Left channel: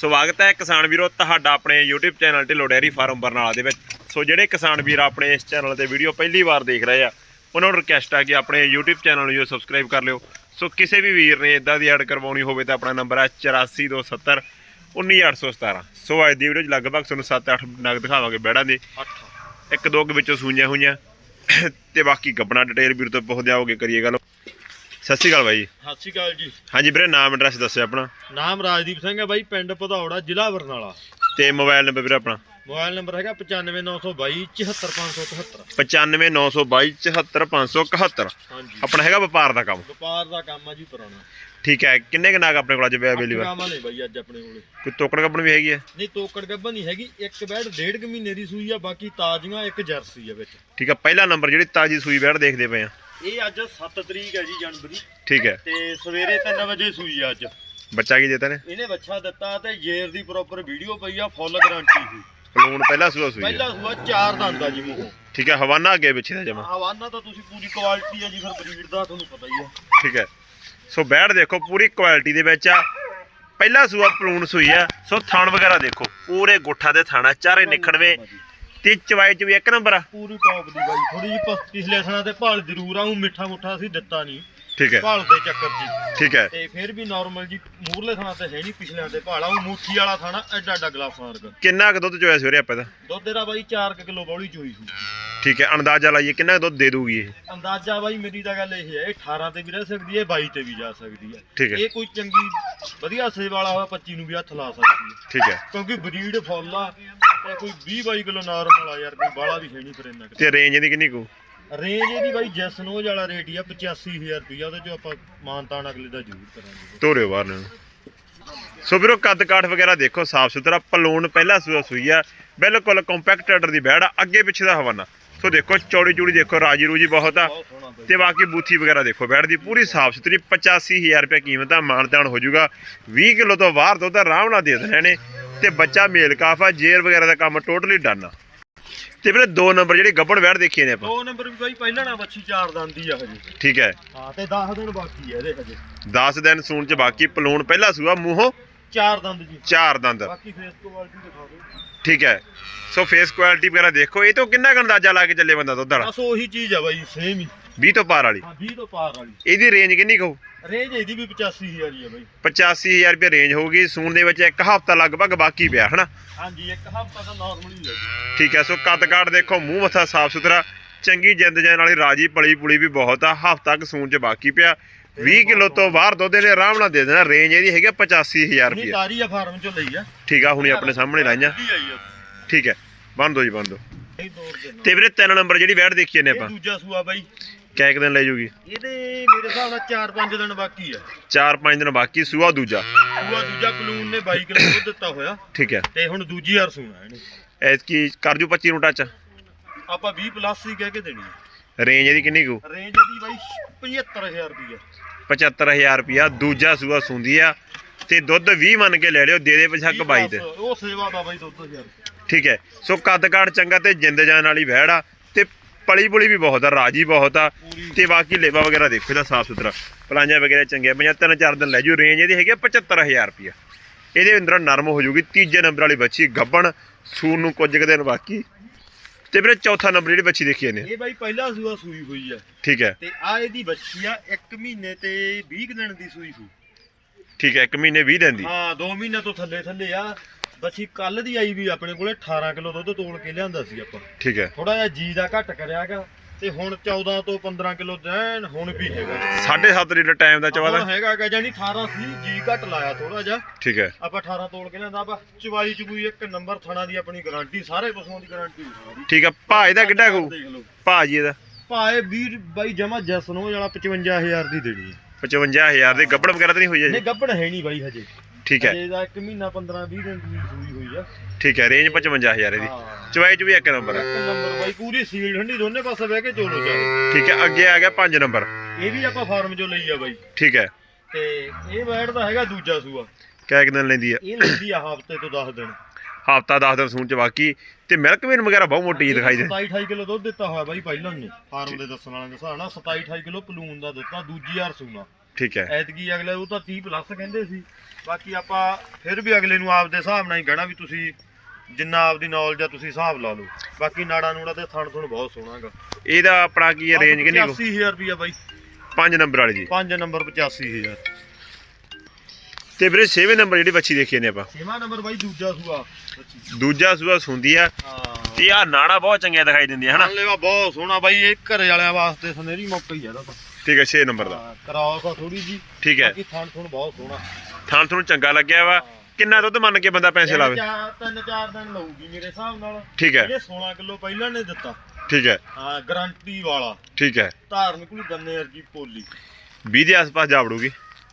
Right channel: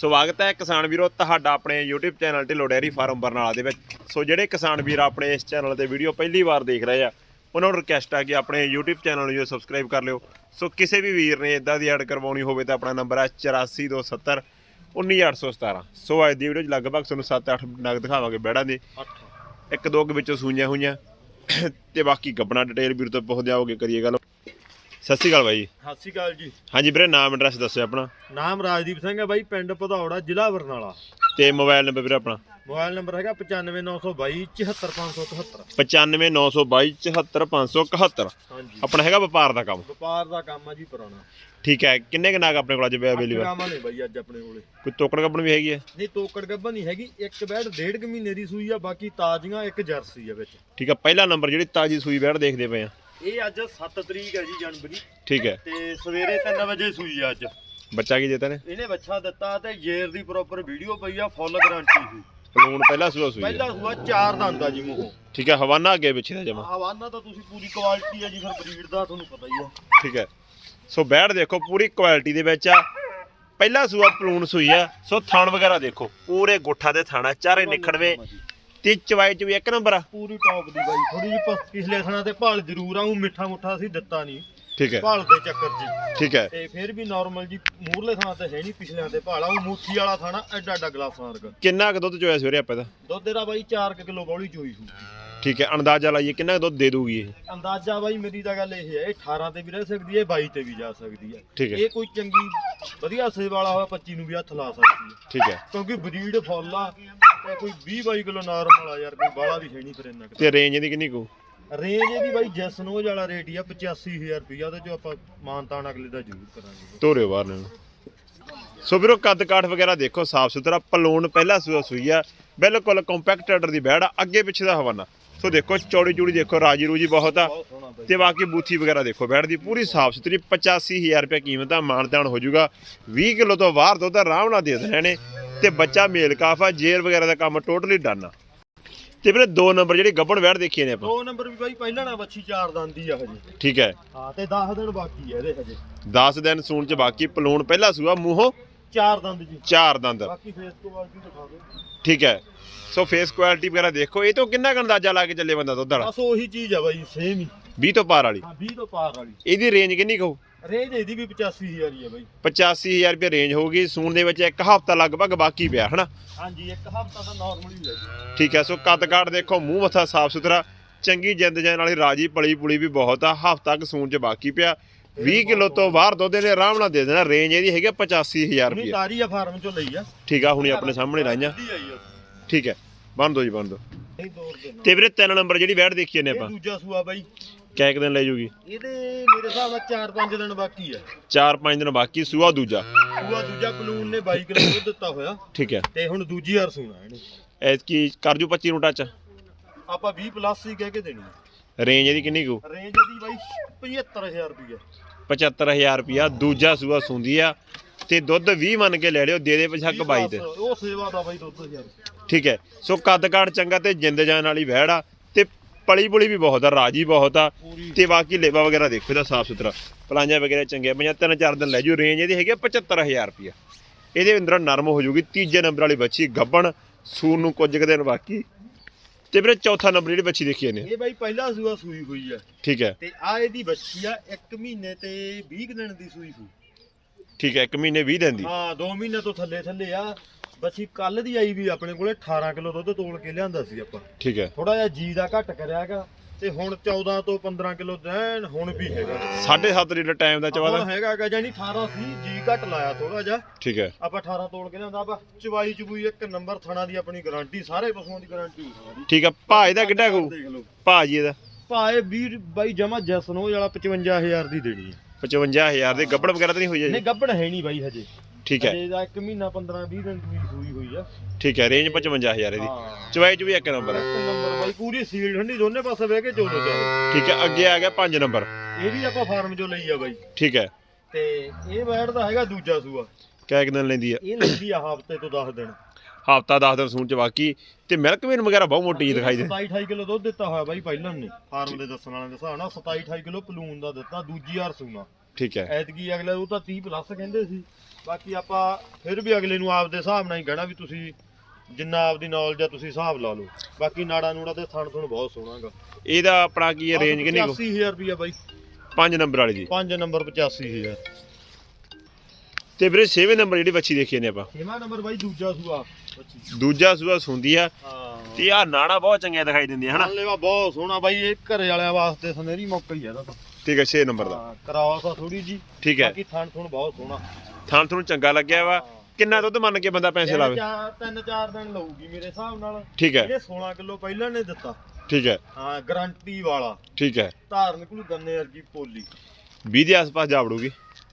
ਸਵਾਗਤ ਹੈ ਕਿਸਾਨ ਵੀਰੋ ਤੁਹਾਡਾ ਆਪਣੇ YouTube channel Dhillon dairy farm Barnala ਦੇ ਵਿੱਚ। ਸੋ ਜਿਹੜੇ ਕਿਸਾਨ ਵੀਰ ਆਪਣੇ ਇਸ ਚੈਨਲ ਤੇ ਵੀਡੀਓ ਪਹਿਲੀ ਵਾਰ ਦੇਖ ਰਹੇ ਆ ਉਹਨਾਂ ਨੂੰ ਰਿਕਵੈਸਟ ਆ ਕਿ ਆਪਣੇ YouTube ਚੈਨਲ ਨੂੰ ਜੋ ਸਬਸਕ੍ਰਾਈਬ ਕਰ ਲਿਓ। ਸੋ ਕਿਸੇ ਵੀ ਵੀਰ ਨੇ ਇਦਾਂ ਦੀ ਐਡ ਕਰਵਾਉਣੀ ਹੋਵੇ ਤਾਂ ਆਪਣਾ ਨੰਬਰ ਹੈ 8427 19817 ਸੋ ਅੱਜ ਦੀ ਵੀਡੀਓ 'ਚ ਲਗਭਗ ਤੁਹਾਨੂੰ 7-8 ਨਗ ਦਿਖਾਵਾਂਗੇ ਬੈੜਾਂ ਦੇ। ਇੱਕ ਦੋ ਕੁ ਵਿੱਚੋਂ ਸੂਈਆਂ ਹੋਈਆਂ। ਤੇ ਬਾਕੀ ਗੱਬਣਾ ਡਿਟੇਲ ਵੀਰ ਤੋਂ ਪੁੱਛਦੇ ਆਓਗੇ ਕਰੀਏ ਗੱਲ। ਸਤਿ ਸ਼੍ਰੀ ਅਕਾਲ ਬਾਈ। ਸਤਿ ਸ਼੍ਰੀ ਅਕਾਲ ਜੀ। ਹਾਂਜੀ ਵੀਰੇ ਨਾਮ ਐਡਰੈਸ ਦੱਸਿਓ ਆਪਣਾ। ਨਾਮ ਰਾਜਦੀਪ ਸਿੰਘ ਹੈ ਬਾਈ ਪਿੰਡ ਭਦੌੜਾ ਜ਼ਿਲ੍ਹਾ ਬਰਨਾਲਾ। ਤੇ ਮੋਬਾਈਲ ਨੰਬਰ ਵੀਰੇ ਆਪਣਾ? ਮੋਬਾਈਲ ਨੰਬਰ ਹੈਗਾ 95922 74577 95922 74571 ਹਾਂਜੀ। ਆਪਣਾ ਹੈਗਾ ਵਪਾਰ ਦਾ ਕੰਮ? ਵਪਾਰ ਦਾ ਕੰਮ ਆ ਜੀ ਪੁਰਾਣਾ। ਠੀਕ ਹੈ ਕਿੰਨੇ ਕੁ ਨਾਗ ਆਪਣੇ ਕੋਲ ਅੱਜ ਅਵੇਲੇਬਲ ਕਾਮਾਂ ਨੇ ਬਾਈ ਅੱਜ ਆਪਣੇ ਕੋਲੇ। ਕੋਈ ਤੋਕੜ ਕੱਪਣ ਵੀ ਹੈਗੀ ਹੈ? ਨਹੀਂ ਤੋਕੜ ਗੱਬਾ ਨਹੀਂ ਹੈਗੀ ਇੱਕ ਬੈਡ ਡੇਢ ਕੁ ਮਹੀਨੇ ਦੀ ਸੂਈ ਆ ਬਾਕੀ ਤਾਜ਼ੀਆਂ ਇੱਕ ਜਰਸੀ ਆ ਵਿੱਚ। ਠੀਕ ਹੈ ਪਹਿਲਾ ਨੰਬਰ ਜਿਹੜੀ ਤਾਜੀ ਸੂਈ ਬੈੜ ਦੇਖਦੇ ਪਏ ਆ। ਇਹ ਅੱਜ 7 ਤਰੀਕ ਹੈ ਜੀ ਜਨਵਰੀ। ਠੀਕ ਹੈ। ਤੇ ਸਵੇਰੇ 3 ਵਜੇ ਸੂਈ ਆ ਅੱਜ। ਬੱਚਾ ਕੀ ਦਿੱਤਾ ਨੇ? ਇਹਨੇ ਬੱਚਾ ਦਿੱਤਾ ਤੇ ਜੇਰ ਦੀ ਪ੍ਰੋਪਰ ਵੀਡੀਓ ਪਈ ਆ ਫੁੱਲ ਗਾਰੰਟੀ ਸੀ। ਪਲੂਣ ਪਹਿਲਾ ਸੂਆ ਸੂਈ ਪਹਿਲਾ ਸੂਆ ਚਾਰ ਦੰਦ ਆ ਜੀ ਮੂੰਹੋਂ। ਠੀਕ ਹੈ ਹਵਾਨਾ ਅੱਗੇ ਪਿੱਛੇ ਦਾ ਜਮਾ। ਹਵਾਨਾ ਤਾਂ ਤੁਸੀਂ ਪੂਰੀ ਕੁਆਲਿਟੀ ਆ ਜੀ ਫਿਰ ਬਰੀਡ ਦਾ ਤੁਹਾਨੂੰ ਪਤਾ ਹੀ ਆ। ਠੀਕ ਹੈ। ਸੋ ਬੈੜ ਦੇਖੋ ਪੂਰੀ ਕੁਆਲਿਟੀ ਦੇ ਵਿੱਚ ਆ। ਪਹਿਲਾ ਸੂਆ ਪਲੂਣ ਸੂਈ ਆ। ਸੋ ਥਣ ਵਗੈਰਾ ਦੇਖੋ ਪੂਰੇ ਗੁੱਠਾ ਦੇ ਥਾਣਾ ਚਾਰੇ ਨਿਖੜਵੇਂ। ਤੇ ਚਵਾਈ ਚ ਵੀ ਇੱਕ ਨੰਬਰ ਆ। ਪੂਰੀ ਟੌਪ ਦੀ ਬਾਈ ਥੋੜੀ ਜਿਹੀ ਪ- ਪਿਛਲੇ ਥਣਾ ਤੇ ਭਾਲ ਜ਼ਰੂਰ ਆ ਉਹ ਮਿੱਠਾ ਮੁੱਠਾ ਅਸੀਂ ਦਿੱਤਾ ਨਹੀਂ। ਠੀਕ ਹੈ। ਭਾਲ ਦੇ ਚੱਕਰ ਹੀ। ਠੀਕ ਹੈ। ਤੇ ਫਿਰ ਵੀ ਨਾਰਮਲ ਜੀ ਮੂਰਲੇ ਥਣਾ ਤੇ ਹੈ ਨਹੀਂ ਪਿਛਲਿਆਂ ਤੇ ਭਾਲਾ ਉਹ ਮੁੱਠੀ ਵਾਲਾ ਥਾਣਾ ਐਡਾ ਐਡਾ ਗਲਾਸਾਂ ਵਰਗਾ ਕਿੰਨਾ ਕੁ ਦੁੱਧ ਚੋਇਆ ਸਵੇਰੇ ਆਪਾਂ ਦਾ? ਦੁੱਧ ਤੇਰਾ ਬਾਈ 4 ਕਿਲੋ ਬੌਲੀ ਚੋਈ ਸੀ। ਠੀਕ ਹੈ ਅੰਦਾਜ਼ਾ ਲਾਈਏ ਕਿੰਨਾ ਕੁ ਦੁੱਧ ਦੇ ਦੂਗੀ ਇਹ? ਅੰਦਾਜ਼ਾ ਬਾਈ ਮੇਰੀ ਤਾਂ ਗੱਲ ਇਹ ਹੈ ਇਹ 18 ਤੇ ਵੀ ਰਹਿ ਸਕਦੀ ਹੈ 22 ਤੇ ਵੀ ਜਾ ਸਕਦੀ ਹੈ। ਠੀਕ ਹੈ। ਇਹ ਕੋਈ ਚੰਗੀ ਵਧੀਆ ਸੇਵ ਵਾਲਾ ਹੋਇਆ 25 ਨੂੰ ਵੀ ਹੱਥ ਲਾ ਸਕਦੀ ਹੈ। ਠੀਕ ਹੈ। ਕਿਉਂਕਿ ਬਰੀਡ ਫੁੱਲ ਆ ਕੋਈ 20 22 ਕਿਲੋ ਨਾਰਮਲ ਆ ਯਾਰ ਕੋਈ ਬਾਲਾ ਵੀ ਹੈ ਨਹੀਂ ਫਿਰ ਇੰਨਾ। ਤੇ ਰੇਂਜ ਇਹਦੀ ਕਿੰਨੀ ਕੁ? ਰੇਂਜ ਇਹਦੀ ਬਾਈ ਜੈਸਨੋਜ ਵਾਲਾ ਰੇਟ ਹੀ ਆ 85000 ਰੁਪਇਆ ਉਹਦੇ ਚੋਂ ਆਪਾਂ ਮਾਨਤਾਨ ਅਗਲੇ ਦਾ ਜ਼ਰੂਰ ਕਰਾਂਗੇ। ਤੋਰਿਓ ਬਾਹਰ ਨੂੰ ਸੋ ਵੀਰੋ ਕੱਦ ਕਾਠ ਵਗੈਰਾ ਦੇਖੋ ਸਾਫ਼ ਸੁਥਰਾ ਪਲੂਣ ਪਹਿਲਾ ਸੂਆ ਸੂਈ ਆ ਬਿਲਕੁਲ ਕੰਪੈਕਟ ਆਰਡਰ ਦੀ ਬੈੜ ਆ ਅੱਗੇ ਪਿੱਛੇ ਦਾ ਹਵਾਨਾ। ਸੋ ਦੇਖੋ ਚੌੜੀ ਚੂੜੀ ਦੇਖੋ ਰਾਜੀ ਰੂਜੀ ਬਹੁਤ ਆ। ਤੇ ਬਾਕੀ ਬੂਥੀ ਵਗੈਰਾ ਦੇਖੋ ਬੈੜ ਦੀ ਪੂਰੀ ਸਾਫ਼ ਸੁਥਰੀ 85000 ਰੁਪਏ ਕੀਮਤ ਆ ਮਾਨਦਾਨ ਹੋ ਜਾਊਗਾ 20 ਕਿਲੋ ਤੋਂ ਬਾਹਰ ਦੁੱਧ ਆਰਾਮ ਨਾਲ ਦੇ ਦੇਣੇ ਨੇ। ਤੇ ਬੱਚਾ ਮੇਲ ਕਾਫਾ ਜੇਰ ਵਗੈਰਾ ਦਾ ਕੰਮ ਟੋਟਲੀ ਡਨ ਆ। ਤੇ ਵੀਰੇ ਦੋ ਨੰਬਰ ਜਿਹੜੀ ਗੱਬਣ ਬੈੜ ਦੇਖੀਏ ਨੇ ਆਪਾਂ? ਦੋ ਨੰਬਰ ਵੀ ਬਾਈ ਪਹਿਲਾਂ ਨਾ ਬੱਚੀ ਚਾਰ ਦੰਦੀ ਆ ਹਜੇ। ਠੀਕ ਹੈ। ਹਾਂ ਤੇ 10 ਦਿਨ ਬਾਕੀ ਆ ਇਹਦੇ ਹਜੇ। 10 ਦਿਨ ਸੂਣ ਚ ਬਾਕੀ ਪਲੂਣ ਪਹਿਲਾ ਸੂਆ ਮੂੰਹੋਂ? ਚਾਰ ਦੰਦ ਜੀ। ਚਾਰ ਦੰਦ। ਬਾਕੀ ਫੇਸ ਕੁਆਲਿਟੀ ਦਿਖਾ ਦਿਓ। ਠੀਕ ਹੈ। ਸੋ ਫੇਸ ਕੁਆਲਿਟੀ ਵਗੈਰਾ ਦੇਖੋ ਇਹ ਤੋਂ ਕਿੰਨਾ ਅੰਦਾਜ਼ਾ ਲਾ ਕੇ ਚੱਲੇ ਬੰਦਾ ਦੁੱਧ ਵਾਲਾ? ਬਸ ਉਹੀ ਚੀਜ਼ ਆ ਬਾਈ ਸੇਮ ਹੀ। 20 ਤੋਂ ਪਾਰ ਵਾਲੀ? ਹਾਂ 20 ਤੋਂ ਪਾਰ ਵਾਲੀ। ਇਹਦੀ ਰੇਂਜ ਕਿੰਨੀ ਕਹੂ ਰੇਂਜ ਇਹਦੀ ਵੀ 85000 ਹੀ ਆ ਬਾਈ। 85000 ਰੁਪਏ ਰੇਂਜ ਹੋਊਗੀ ਸੂਣ ਦੇ ਵਿੱਚ ਇੱਕ ਹਫ਼ਤਾ ਲਗਭਗ ਬਾਕੀ ਪਿਆ ਹਨਾ? ਹਾਂਜੀ ਇੱਕ ਹਫ਼ਤਾ ਤਾਂ ਨਾਰਮਲ ਹੀ ਜੀ। ਠੀਕ ਹੈ ਸੋ ਕੱਦ ਕਾਠ ਦੇਖੋ ਮੂੰਹ ਮੱਥਾ ਸਾਫ਼ ਸੁਥਰਾ ਚੰਗੀ ਜਿੰਦ ਜਾਨ ਵਾਲੀ ਰਾਜੀ ਪਲੀ ਪੁਲੀ ਵੀ ਬਹੁਤ ਆ ਹਫ਼ਤਾ ਕ ਸੂਣ ਚ ਬਾਕੀ ਪਿਆ। 20 ਕਿਲੋ ਤੋਂ ਬਾਹਰ ਦੁੱਧ ਇਹਨੇ ਆਰਾਮ ਨਾਲ ਦੇ ਦੇਣਾ ਰੇਂਜ ਇਹਦੀ ਹੈਗੀ ਆ 85000 ਨਹੀਂ ਰੁਪਏ। ਤਾਰੀ ਆ ਫਾਰਮ ਚੋਂ ਲਈ ਆ। ਠੀਕ ਆ ਹੁਣੀ ਆਪਣੇ ਸਾਹਮਣੇ ਲਾਈਆਂ। ਠੀਕ ਹੈ ਬੰਦ ਦੋ ਜੀ ਬੰਦ ਦੋ ਤੇ ਵੀਰੇ ਤਿੰਨ ਨੰਬਰ ਜਿਹੜੀ ਬੈਠ ਦੇਖੀਏ ਨੇ ਆਪਾਂ। ਦੂਜਾ ਸੂਆ ਬਾਈ। ਕਿਆ ਇੱਕ ਦਿਨ ਲੈ ਜੂਗੀ? ਇਹਦੇ ਮੇਰੇ ਹਿਸਾਬ ਨਾਲ 4-5 ਦਿਨ ਬਾਕੀ ਆ। 4-5 ਦਿਨ ਬਾਕੀ ਸੂਆ ਦੂਜਾ? ਸੂਆ ਦੂਜਾ ਕਲੂਨ ਨੇ 22 ਕਿਲੋ ਦੁੱਧ ਦਿੱਤਾ ਹੋਇਆ। ਠੀਕ ਹੈ। ਤੇ ਹੁਣ ਦੂਜੀ ਵਾਰ ਸੂਣਾ ਇਹਨੇ। ਐਤਕੀ ਕਰ ਜੂ 25 ਨੂੰ ਟੱਚ ਆਪਾਂ 20 ਪਲੱਸ ਹੀ ਕਹਿ ਕੇ ਦੇਣੀ। ਰੇਂਜ ਇਹਦੀ ਕਿੰਨੀ ਕੁ? ਰੇਂਜ ਇਹਦੀ ਬਾਈ 75000 ਰੁਪਏ 75000 ਰੁਪਿਆ ਦੂਜਾ ਸੂਆ ਸੁੰਦੀ ਆ। ਤੇ ਦੁੱਧ 20 ਮੰਨ ਕੇ ਲੈ ਲਿਓ ਦੇ ਦੇ ਪਛੱਕ 22 ਤੇ। ਉਹ ਸੇਵਾ ਦਾ ਬਾਈ ਦੁੱਧ ਯਾਰ ਠੀਕ ਹੈ। ਸੋ ਕੱਦ ਕਾਠ ਚੰਗਾ ਤੇ ਜਿੰਦ ਜਾਨ ਵਾਲੀ ਵਹਿੜ ਆ। ਤੇ ਪਲੀ ਪੁਲੀ ਵੀ ਬਹੁਤ ਆ ਰਾਜੀ ਬਹੁਤ ਆ ਤੇ ਬਾਕੀ ਲੇਵਾ ਵਗੈਰਾ ਦੇਖੋ ਇਹਦਾ ਸਾਫ਼ ਸੁਥਰਾ। ਪਲਾਂਜਾ ਵਗੈਰਾ ਚੰਗੇ ਪੰਜਾਂ ਤਿੰਨ ਚਾਰ ਦਿਨ ਲੈ ਜੂ ਰੇਂਜ ਇਹਦੀ ਹੈਗੀ ਆ 75000 ਰੁਪਿਆ ਇਹਦੇ ਅੰਦਰ ਨਰਮ ਹੋ ਜੂਗੀ ਤੀਜੇ ਨੰਬਰ ਵਾਲੀ ਬੱਚੀ ਗੱਬਣ ਸੂਨ ਨੂੰ ਕੁਝ ਕੁ ਦਿਨ ਬਾਕੀ। ਤੇ ਵੀਰੇ ਚੌਥਾ ਨੰਬਰ ਜਿਹੜੀ ਬੱਚੀ ਦੇਖੀ ਇਹਨੇ। ਇਹ ਬਾਈ ਪਹਿਲਾ ਸੂਆ ਸੂਈ ਹੋਈ ਆ। ਠੀਕ ਹੈ। ਤੇ ਆ ਇਹਦੀ ਬੱਚੀ ਆ 1 ਮਹੀਨੇ ਤੇ 20 ਕੁ ਦਿਨ ਦੀ ਸੂਈ ਸੂ ਠੀਕ ਹੈ 1 ਮਹੀਨੇ 20 ਦਿਨ ਦੀ। ਹਾਂ 2 ਮਹੀਨੇ ਤੋਂ ਥੱਲੇ ਥੱਲੇ ਆ। ਬੱਚੀ ਕੱਲ ਦੀ ਆਈ ਵੀ ਆਪਣੇ ਕੋਲੇ 18 ਕਿਲੋ ਦੁੱਧ ਤੋਲ ਕੇ ਲਿਆਂਦਾ ਸੀ ਆਪਾਂ। ਠੀਕ ਹੈ। ਥੋੜਾ ਜਿਹਾ ਜੀ ਦਾ ਘੱਟ ਕਰਿਆਗਾ ਤੇ ਹੁਣ 14 ਤੋਂ 15 ਕਿਲੋ ਦੈਨ ਹੁਣ ਵੀ ਹੈਗਾ। 7.5 ਲੀਟਰ ਟਾਈਮ ਦਾ ਚਵਾ ਹੁਣ ਹੈਗਾ ਕਿ ਜਾਨੀ 18 ਸੀ ਜੀ ਘੱਟ ਲਾਇਆ ਥੋੜਾ ਜਿਹਾ। ਠੀਕ ਹੈ। ਆਪਾਂ 18 ਤੋਲ ਕੇ ਲਿਆਂਦਾ ਆਪਾਂ ਚਵਾਈ ਚਬੂਈ ਇੱਕ ਨੰਬਰ ਥਣਾ ਦੀ ਆਪਣੀ ਗਾਰੰਟੀ ਸਾਰੇ ਪਸ਼ੂਆਂ ਦੀ ਗਾਰੰਟੀ ਠੀਕ ਹੈ ਭਾ ਇਹਦਾ ਕਿੱਡਾ ਕੂ? ਦੇਖ ਲਓ। ਭਾ ਜੀ ਇਹਦਾ? ਭਾਏ 20 ਬਾਈ ਜਮਾ ਜਸਨੋ ਵਾਲਾ 55000 ਦੀ ਦੇਣੀ ਹੈ। 55000 ਦੇ ਗੱਬੜ ਵਗੈਰਾ ਤਾਂ ਨਹੀਂ ਹੋਈ ਨਹੀਂ ਜੀ ਗੱਬੜ ਹੈ ਨਹੀਂ ਬਾਈ ਹਜੇ। ਠੀਕ ਹੈ। ਹਜੇ ਦਾ 1 ਮਹੀਨਾ 15 20 ਦਿਨ ਦੀ ਸੂਈ ਹੋਈ ਆ। ਠੀਕ ਹੈ ਰੇਂਜ 55000 ਇਹਦੀ। ਹਾਂ। ਚਵਾਈ ਚ ਵੀ ਇੱਕ ਨੰਬਰ ਹੈ ਇੱਕ ਨੰਬਰ ਬਾਈ ਪੂਰੀ ਸੀਲ ਠੰਡੀ ਦੋਨੇ ਪਾਸੇ ਬਹਿ ਕੇ ਚੋਲੋ ਚਾਹੇ ਠੀਕ ਹੈ ਅੱਗੇ ਆ ਗਿਆ 5 ਨੰਬਰ। ਇਹ ਵੀ ਆਪਾਂ ਫਾਰਮ ਚੋਂ ਲਈ ਆ ਬਾਈ। ਠੀਕ ਹੈ। ਤੇ ਇਹ ਬੈਡ ਦਾ ਹੈਗਾ ਦੂਜਾ ਸੂਆ। ਕਿਆ ਇੱਕ ਦਿਨ ਲੈਂਦੀ ਆ? ਇਹ ਲੈਂਦੀ ਆ ਹਫ਼ਤੇ ਤੋਂ 10 ਦਿਨ। ਹਫਤਾ 10 ਦਿਨ ਸੂਣ ਚ ਬਾਕੀ। ਤੇ ਮਿਲਕ ਵੀਨ ਵਗੈਰਾ ਬਹੁਤ ਮੋਟੀ ਜਿਹੀ ਦਿਖਾਈ ਦੇ। 27 28 ਕਿਲੋ ਦੁੱਧ ਦਿੱਤਾ ਹੋਇਆ ਬਾਈ ਪਹਿਲਾਂ ਨੇ ਫਾਰਮ ਦੇ ਦੱਸਣ ਵਾਲਿਆਂ ਦੇ ਹਿਸਾਬ ਨਾਲ 27 28 ਕਿਲੋ ਪਲੂਨ ਦਾ ਦਿੱਤਾ ਦੂਜੀ ਵਾਰ ਸੂਣਾ। ਠੀਕ ਹੈ। ਐਤਕੀ ਅਗਲੇ ਉਹ ਤਾਂ 30 ਪਲੱਸ ਕਹਿੰਦੇ ਸੀ। ਬਾਕੀ ਆਪਾਂ ਫਿਰ ਵੀ ਅਗਲੇ ਨੂੰ ਆਪਦੇ ਹਿਸਾਬ ਨਾਲ ਹੀ ਕਹਿਣਾ ਵੀ ਤੁਸੀਂ ਜਿੰਨਾ ਆਪਦੀ ਨੌਲੇਜ ਆ ਤੁਸੀਂ ਹਿਸਾਬ ਲਾ ਲਓ। ਬਾਕੀ ਨਾੜਾ ਨੂੜਾ ਤੇ ਥਣ ਥਣ ਬਹੁਤ ਸੋਹਣਾਗਾ ਇਹਦਾ ਆਪਣਾ ਕੀ ਰੇਂਜ ਕਿੰਨੀ ਕੋ? 85000 ਰੁਪਿਆ ਬਾਈ। 5 ਨੰਬਰ ਵਾਲੀ ਜੀ। 5 ਨੰਬਰ 85000 ਤੇ ਵੀਰੇ 6ਵੇਂ ਨੰਬਰ ਜਿਹੜੀ ਬੱਚੀ ਦੇਖੀ ਨੇ ਆਪਾਂ। ਛੇਵਾਂ ਨੰਬਰ ਬਾਈ ਦੂਜਾ ਸੂਆ ਬੱਚੀ ਦੂਜਾ ਸੂਆ ਸੁੰਦੀ ਆ ਹਾਂ। ਤੇ ਆ ਨਾੜਾ ਬਹੁਤ ਚੰਗੀਆਂ ਦਿਖਾਈ ਦਿੰਦੀਆਂ ਹਨਾ? ਲੈਵਾ ਬਹੁਤ ਸੋਹਣਾ ਬਾਈ ਇਹ ਘਰੇ ਵਾਲਿਆਂ ਵਾਸਤੇ ਸੁਨਹਿਰੀ ਮੌਕਾ ਹੀ ਆ ਇਹਦਾ ਤਾਂ। ਠੀਕ ਹੈ 6 ਨੰਬਰ ਦਾ। ਹਾਂ, ਕਰਾਸ ਆ ਥੋੜੀ ਜੀ ਠੀਕ ਹੈ। ਬਾਕੀ ਥਣ ਥਣ ਬਹੁਤ ਸੋਹਣਾ। ਥਾਂ ਤੁਹਾਨੂੰ ਚੰਗਾ ਲੱਗਿਆ ਵਾ। ਕਿੰਨਾ ਦੁੱਧ ਮੰਨ ਕੇ ਬੰਦਾ ਪੈਸੇ ਲਾਵੇ? ਚਾਰ ਤਿੰਨ ਚਾਰ ਦਿਨ ਲਊਗੀ ਮੇਰੇ ਹਿਸਾਬ ਨਾਲ। ਠੀਕ ਹੈ। ਇਹ 16 ਕਿਲੋ ਪਹਿਲਾਂ ਨੇ ਦਿੱਤਾ। ਠੀਕ ਹੈ। ਹਾਂ ਗਾਰੰਟੀ ਵਾਲਾ। ਠੀਕ ਹੈ। ਧਾਰ ਨਿਕਲੂ ਗੰਨੇ ਵਰਗੀ ਪੋਲੀ। 20 ਦੇ ਆਸ-ਪਾਸ ਜਾ ਵੜੂਗੀ।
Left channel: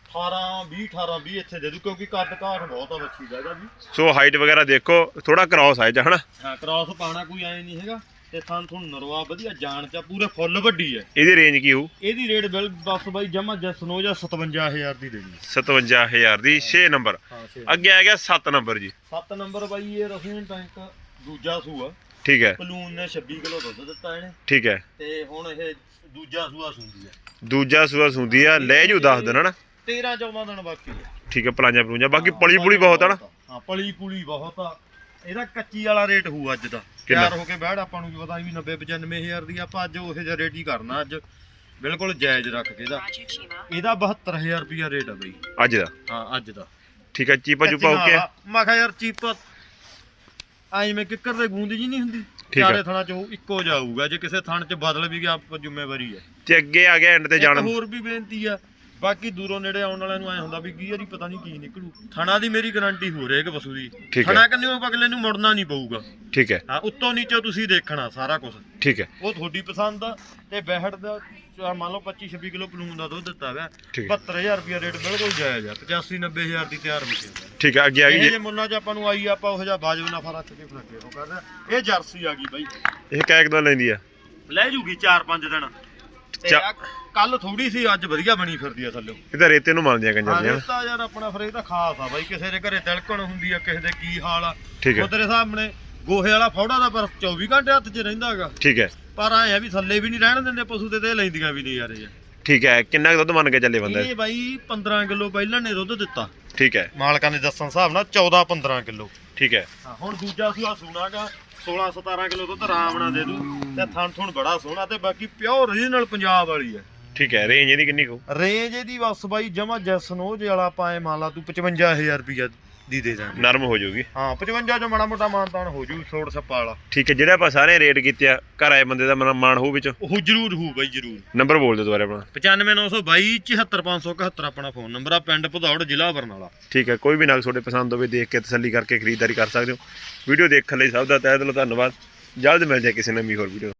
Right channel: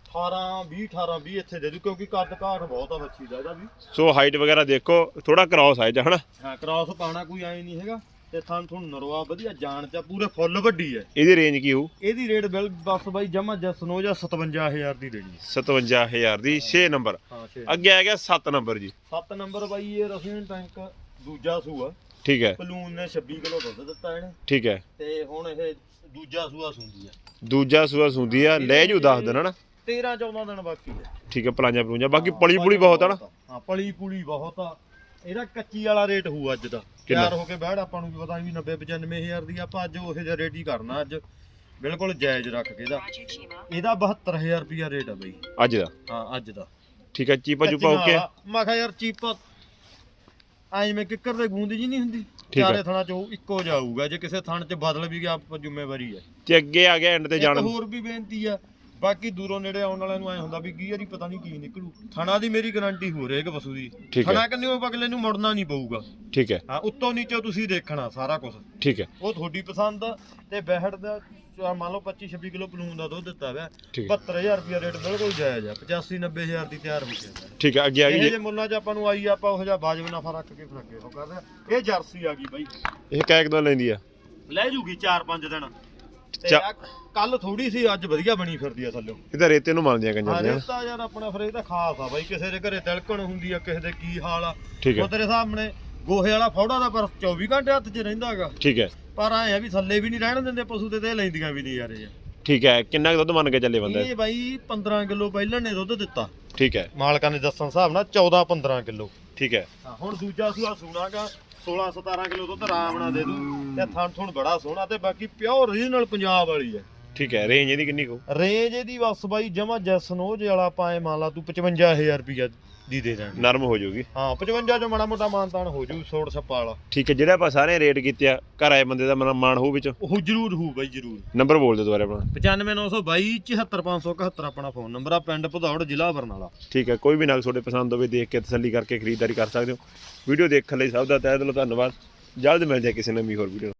18 20 18 20 ਇੱਥੇ ਦੇ ਦੂ ਕਿਉਂਕਿ ਕੱਦ ਘਾਟ ਬਹੁਤ ਆ ਬੱਚੀ ਦਾ ਇਹਦਾ ਵੀ। ਸੋ ਹਾਈਟ ਵਗੈਰਾ ਦੇਖੋ ਥੋੜਾ ਕ੍ਰਾਸ ਆਇਆ ਹਨਾ? ਹਾਂ ਕ੍ਰਾਸ ਪਾਣਾ ਕੋਈ ਐ ਨਹੀਂ ਹੈਗਾ। ਤੇ ਥਣ ਥਣ ਨਰਵਾ ਵਧੀਆ ਜਾਣ ਚ ਆ, ਪੂਰੇ ਫੁੱਲ ਵੱਡੀ ਹੈ ਇਹਦੀ ਰੇਂਜ ਕੀ ਹੋਊ? ਇਹਦੀ ਰੇਟ ਬਿਲ ਬਸ ਬਾਈ ਜਮਾ ਜਸਨੋ ਜਾਂ 57000 ਦੀ ਦੇਣੀ ਹੈ 57000 ਦੀ 6 ਨੰਬਰ। ਹਾਂ ਛੇ ਅੱਗੇ ਆ ਗਿਆ 7 ਨੰਬਰ ਜੀ। 7 ਨੰਬਰ ਬਾਈ ਇਹ ਰਸੂਨ ਟੈਂਕ ਦੂਜਾ ਸੂਆ। ਠੀਕ ਹੈ ਪਲੂਨ ਨੇ 26 ਕਿਲੋ ਦੁੱਧ ਦਿੱਤਾ ਇਹਨੇ। ਠੀਕ ਹੈ ਤੇ ਹੁਣ ਇਹ ਦੂਜਾ ਸੂਆ ਸੁੰਦੀ ਹੈ ਦੂਜਾ ਸੂਆ ਸੁੰਦੀ ਆ ਲੈ ਜੂ 10 ਦਿਨ ਹਨਾ? 13 14 ਦਿਨ ਬਾਕੀ ਹੈ ਠੀਕ ਹੈ ਪਲਾਂਜਾ ਪਲੂੰਜਾ। ਬਾਕੀ ਪਲੀ ਪੁਲੀ ਬਹੁਤ ਆ ਨਾ ਹਾਂ ਪਲੀ ਪੁਲੀ ਬਹੁਤ ਆ। ਇਹਦਾ ਕੱਚੀ ਵਾਲਾ ਰੇਟ ਹੋਊ ਅੱਜ ਦਾ। ਕਿੰਨਾ? ਤਿਆਰ ਹੋ ਕੇ ਬੈਠ ਆਪਾਂ ਨੂੰ ਕੀ ਪਤਾ ਵੀ 90 95000 ਦੀ ਆਪਾਂ ਅੱਜ ਉਹੇ ਜਿਹਾ ਰੇਟ ਹੀ ਕਰਨਾ ਅੱਜ। ਬਿਲਕੁਲ ਜਾਇਜ਼ ਰੱਖ ਕੇ ਇਹਦਾ। ਇਹਦਾ 72000 ਰੁਪਿਆ ਰੇਟ ਆ ਬਈ। ਅੱਜ ਦਾ? ਹਾਂ ਅੱਜ ਦਾ। ਠੀਕ ਹੈ ਚੀਪਾ ਚੂਪਾ ਓਕੇ ਆ? ਮੈਂ ਕਿਹਾ ਯਾਰ ਚੀਪ ਆਈ ਮੈਂ ਕਿੱਕਰ ਦੇ ਗੂੰਦ ਜੀ ਨਹੀਂ ਹੁੰਦੀ? ਠੀਕ ਆ। ਚਾਰੇ ਥਣਾ ਚ ਉਹ ਇੱਕੋ ਜਾਊਗਾ ਜੇ ਕਿਸੇ ਥਣ ਚ ਬਦਲ ਵੀ ਗਿਆ ਆਪਾਂ ਜ਼ਿੰਮੇਵਾਰੀ ਹੈ ਤੇ ਅੱਗੇ ਆ ਗਿਆ ਐਂਡ ਤੇ ਇੱਕ ਜਾਣ ਹੋਰ ਵੀ ਬੇਨਤੀ ਆ ਬਾਕੀ ਦੂਰੋਂ ਨੇੜੇ ਆਉਣ ਵਾਲਿਆਂ ਨੂੰ ਐ ਹੁੰਦਾ ਵੀ ਕੀ ਵਾਰੀ ਪਤਾ ਨਹੀਂ ਕੀ ਨਿਕਲੂ। ਥਣਾ ਦੀ ਮੇਰੀ ਗਾਰੰਟੀ ਹੋ ਰਹੀ ਹੈ ਪਸ਼ੂ ਦੀ। ਠੀਕ ਹੈ। ਥਣਾ ਕੰਨੇ ਉਹ ਅਗਲੇ ਨੂੰ ਮੁੜਨਾ ਨਹੀਂ ਪਊਗਾ। ਠੀਕ ਹੈ। ਹਾਂ ਉੱਤੋਂ ਨੀਚੋਂ ਤੁਸੀਂ ਦੇਖਣਾ ਸਾਰਾ ਕੁਝ ਠੀਕ ਹੈ। ਉਹ ਤੁਹਾਡੀ ਪਸੰਦ ਆ ਤੇ ਬਹਿੜ ਦਾ ਮੰਨ ਲਓ 25 26 ਕਿਲੋ ਪਲੂਨ ਦਾ ਦੁੱਧ ਦਿੱਤਾ ਹੋਇਆ ਠੀਕ ਹੈ। 72000 ਰੁਪਿਆ ਰੇਟ ਬਿਲਕੁਲ ਜਾਇਜ਼ ਆ 85 90000 ਦੀ ਤਿਆਰ ਹੋ ਗਈ। ਠੀਕ ਹੈ ਅੱਗੇ ਆ ਗਈ ਇਹ ਜੀ। ਜੇ ਮੁੱਲਾਂ 'ਚ ਆਪਾਂ ਨੂੰ ਆਈ ਆਪਾਂ ਉਹ ਜਿਹਾ ਬਾਜਬ ਨਫਾ ਰੱਖ ਕੇ ਫਿਰ ਅੱਗੇ ਉਹ ਕਰਦਾ ਇਹ ਜਰਸੀ ਆ ਗਈ ਬਾਈ। ਇਹ ਕੈਕ ਦੋ ਲੈਂਦੀ ਆ। ਲੈ ਜੂਗੀ 4-5 ਦਿਨ। ਚਾ- ਕੱਲ ਥੋੜੀ ਸੀ ਅੱਜ ਵਧੀਆ ਬਣੀ ਫਿਰਦੀ ਆ ਥੱਲੇ। ਇਹ ਤਾਂ ਰੇਤੇ ਨੂੰ ਮੰਨਦੀਆਂ ਕੰਜਰ ਹਾਂ ਦੀਆਂ। ਨਾ। ਰੇਤਾ ਯਾਰ ਆਪਣਾ ਫਿਰ ਇਹ ਤਾਂ ਖਾਸ ਆ ਬਾਈ ਕਿਸੇ ਦੇ ਘਰੇ ਤਿਲਕਣ ਹੁੰਦੀ ਆ ਕਿਸੇ ਦੇ ਕੀ ਹਾਲ ਆ। ਠੀਕ ਹੈ। ਉਹ ਤੇਰੇ ਸਾਹਮਣੇ ਗੋਹੇ ਵਾਲਾ ਫੌੜਾ ਦਾ ਪਰ 24 ਘੰਟੇ ਹੱਥ 'ਚ ਰਹਿੰਦਾ ਹੈਗਾ। ਠੀਕ ਹੈ। ਪਰ ਐ ਆ ਵੀ ਥੱਲੇ ਵੀ ਨਹੀਂ ਰਹਿਣ ਦਿੰਦੇ ਪਸ਼ੂ ਤੇ ਤੇ ਲੈਂਦੀਆਂ ਵੀ ਨਹੀਂ ਯਾਰ ਇਹ। ਠੀਕ ਹੈ ਕਿੰਨਾ ਕੁ ਦੁੱਧ ਮੰਨ ਕੇ ਚੱਲੇ ਬੰਦਾ ਇਹ? ਬਾਈ 15 ਕਿਲੋ ਪਹਿਲਾਂ ਨੇ ਦੁੱਧ ਦਿੱਤਾ। ਠੀਕ ਹੈ। ਮਾਲਕਾਂ ਦੇ ਦੱਸਣ ਹਿਸਾਬ ਨਾਲ 14 15 ਕਿਲੋ। ਠੀਕ ਹੈ। ਹੁਣ ਦੂਜਾ ਸੂਆ ਸੂਣਾਗਾ 16 17 ਕਿਲੋ ਦੁੱਧ ਆਰਾਮ ਨਾਲ ਦੇ ਦੂ ਤੇ ਥਣ ਥਣ ਬੜਾ ਸੋਹਣਾ ਤੇ ਬਾਕੀ ਪਿਓਰ ਰੀਜਨਲ ਪੰਜਾਬ ਵਾਲੀ ਹੈ। ਠੀਕ ਹੈ ਰੇਂਜ ਇਹਦੀ ਕਿੰਨੀ ਕੁ ਰੇਂਜ ਇਹਦੀ ਬਸ ਬਾਈ ਜਮਾ ਜੇ ਵਾਲਾ ਪਾਏ ਮੰਨ ਲਾ ਤੂੰ 55000 ਰੁਪਇਆ ਦੀ ਦੇ ਦਾਂਗੇ। ਨਰਮ ਹੋ ਜਾਊਗੀ। ਹਾਂ 55 ਚੋਂ ਮਾੜਾ ਮੋਟਾ ਮਾਨਤਾਨ ਹੋ ਜੂ ਛੋੜ ਛੱਪਾ ਵਾਲਾ। ਠੀਕ ਹੈ ਜਿਹੜਾ ਆਪਾਂ ਸਾਰੇ ਰੇਟ ਕੀਤੇ ਆ ਘਰ ਆਏ ਬੰਦੇ ਦਾ ਮਨ ਮਾਣ ਹੋਊ ਵਿੱਚ। ਉਹ ਜ਼ਰੂਰ ਹੋਊ ਬਾਈ ਜ਼ਰੂਰ। ਨੰਬਰ ਬੋਲ ਦਿਓ ਦੁਬਾਰਾ ਆਪਣਾ। 95922 74571 ਆਪਣਾ ਫੋਨ ਨੰਬਰ ਆ ਪਿੰਡ ਭਦੌੜ ਜ਼ਿਲ੍ਹਾ ਬਰਨਾਲਾ। ਠੀਕ ਹੈ ਕੋਈ ਵੀ ਨਗ ਤੁਹਾਡੇ ਪਸੰਦ ਹੋਵੇ ਦੇਖ ਕੇ ਤਸੱਲੀ ਕਰਕੇ ਖਰੀਦਦਾਰੀ ਕਰ ਸਕਦੇ ਹੋ। ਵੀਡੀਓ ਦੇਖਣ ਲਈ ਸਭ ਦਾ ਤਹਿ ਦਿਲੋਂ ਧੰਨਵਾਦ। ਜਲਦ ਮਿਲ ਜਾਏ ਕਿਸੇ ਨਵੀਂ ਹੋਰ ਵੀਡੀਓ